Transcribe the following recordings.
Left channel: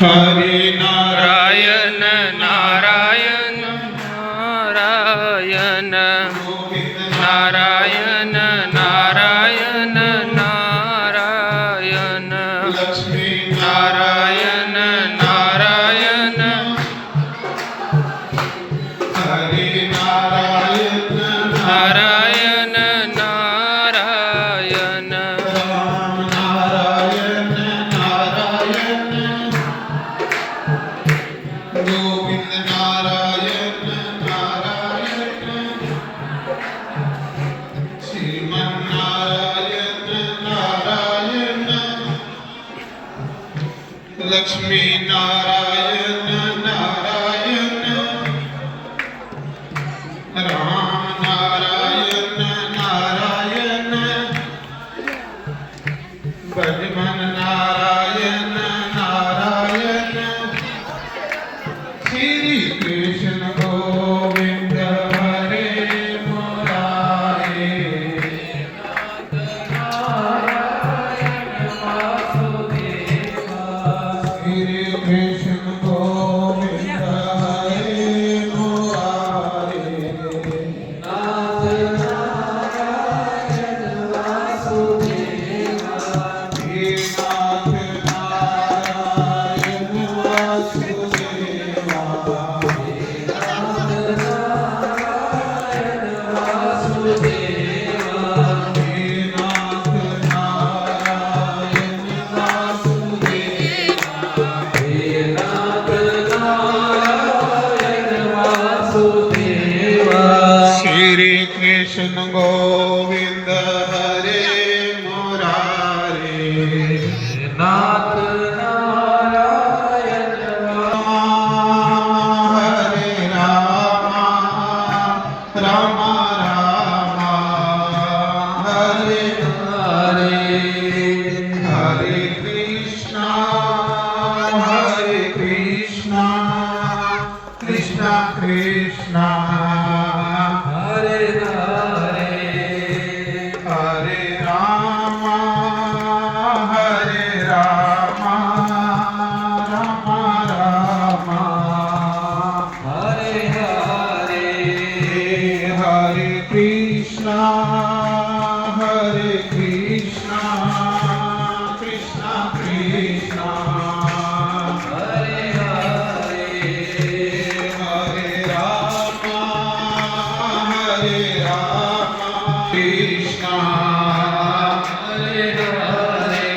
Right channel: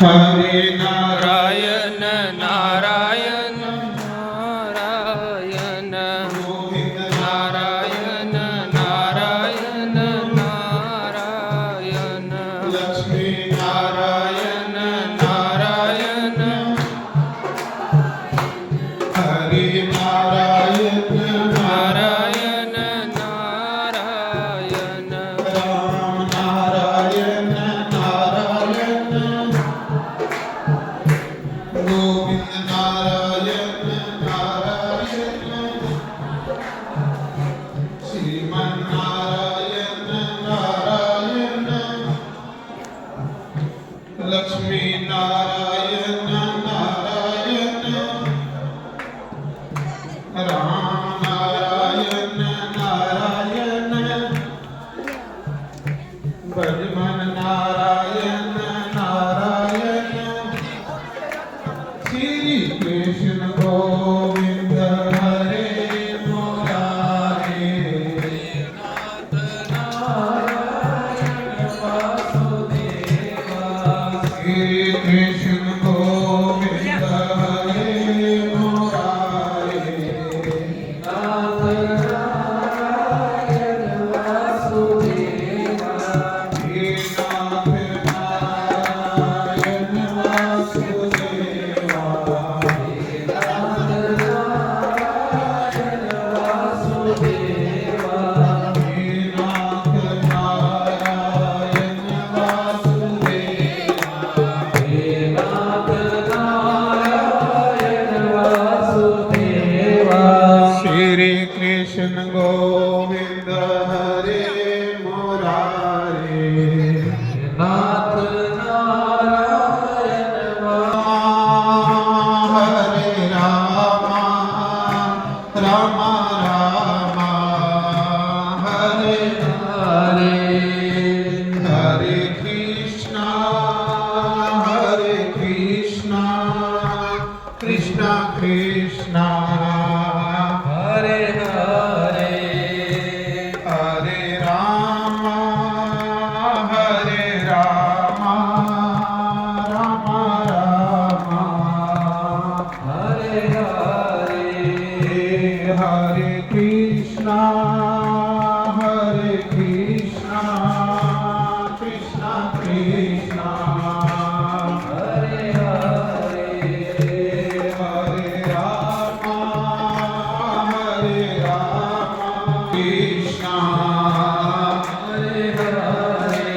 हरे नारायण नारायण नारायण नारायण नारायण नारायण लक्ष्मी नारायण नारायण हरे नारायण नारायण नारायण राम नारायण नारायण गोविंद नारायण नारायण श्रीमन नारायण नारायण लक्ष्मी नारायण नारायण राम नारायण नारायण ब्रह्मन नारायण नारायण श्री कृष्ण गोविंद हरे मुरारे श्री कृष्ण गोविंद हरे मुरारे हे नाथ नारायण वासुदेवा हे नाथ नारायण वासुदेवा श्री कृष्ण गोविंद हरे मुरारे नाथ नारायण हरे राम राम राम हरे हरे हरे कृष्णा कृष्णा कृष्णा हरे हरे हरे राम राम राम हरे हरे हरे कृष्णा कृष्णा कृष्णा हरे हरे हरे राम कृष्णा हरे हरे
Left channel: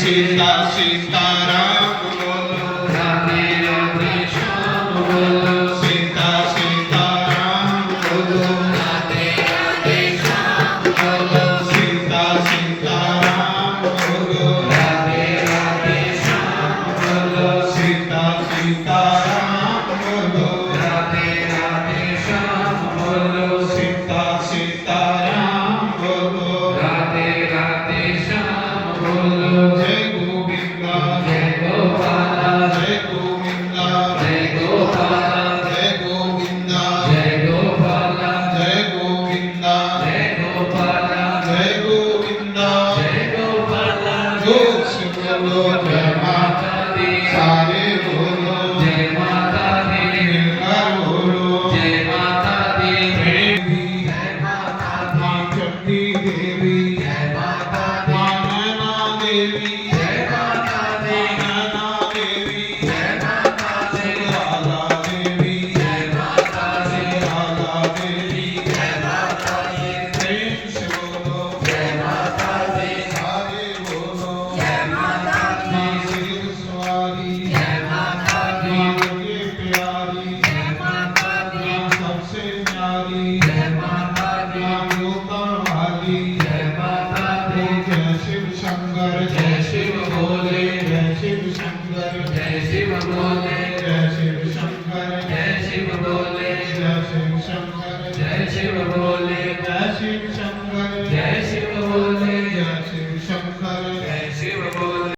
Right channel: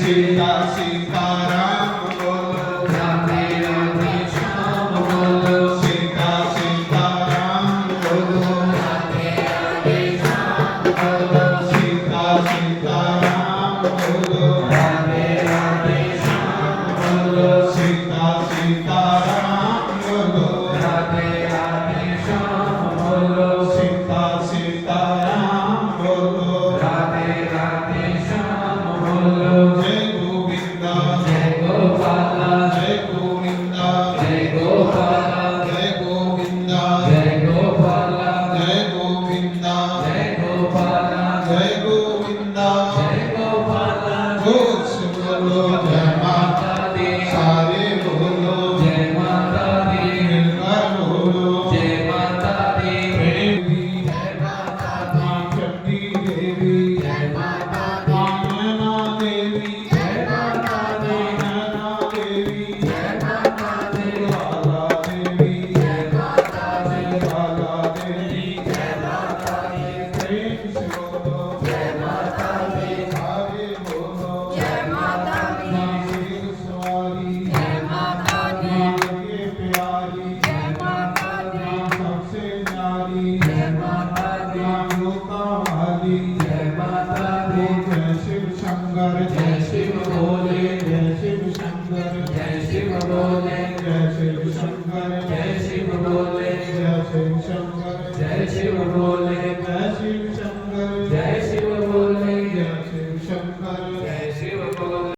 सीता सीताराम बोलो राधे राधे श्याम बोलो सीता सीताराम बोलो राधे राधे श्याम बोलो सीता सीताराम बोलो राधे राधे श्याम बोलो सीता सीताराम बोलो राधे राधे श्याम बोलो सीता सीताराम बोलो राधे राधे श्याम बोलो जय गोविंदा जय गोपाला जय गोविंदा जय गोपाला जय गोविंदा जय गोपाला जय गोविंदा जय गोपाला जय गोविंदा जय गोपाला जोर से बोलो जय माता दी सारे बोलो जय माता दी मिलकर बोलो जय माता दी देवी जय माता मां चंडी देवी जय माता दी नैना देवी जय माता दी नैना देवी जय माता दी लाला देवी जय माता दी लाला देवी जय माता दी प्रेम से बोलो जय माता दी सारे बोलो जय माता दी मां सिर सवारी जय माता दी मां के प्यारी जय माता दी मां सबसे न्यारी जय माता दी मां जोता वाली जय माता दी जय शिव शंकर जय शिव भोले जय शिव शंकर जय शिव भोले जय शिव शंकर जय शिव भोले जय शिव शंकर जय शिव भोले जय शिव शंकर जय शिव भोले जय शिव शंकर जय शिव भोले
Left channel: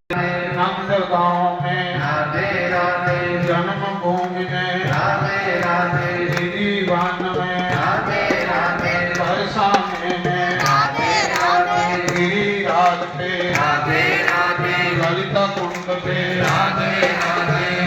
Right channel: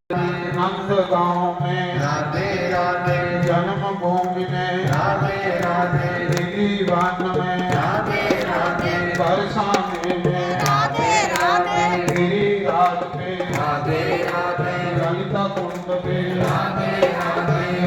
नंद गांव में राधे राधे जन्म भूमि में राधे राधे गिरिवान में राधे राधे बरसाने में राधे राधे गिरिराज पे राधे राधे ललिता कुंड पे राधे राधे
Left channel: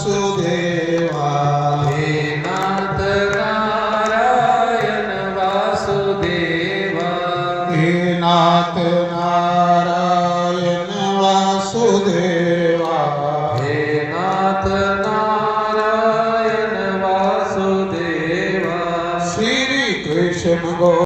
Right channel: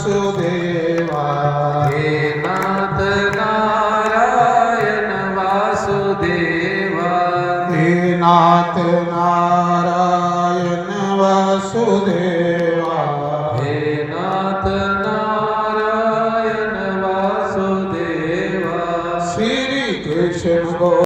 वासुदेवा हे नाथ नारायण वासुदेवा हे नाथ नारायण वासुदेवा हे नाथ नारायण वासुदेवा श्री कृष्ण गो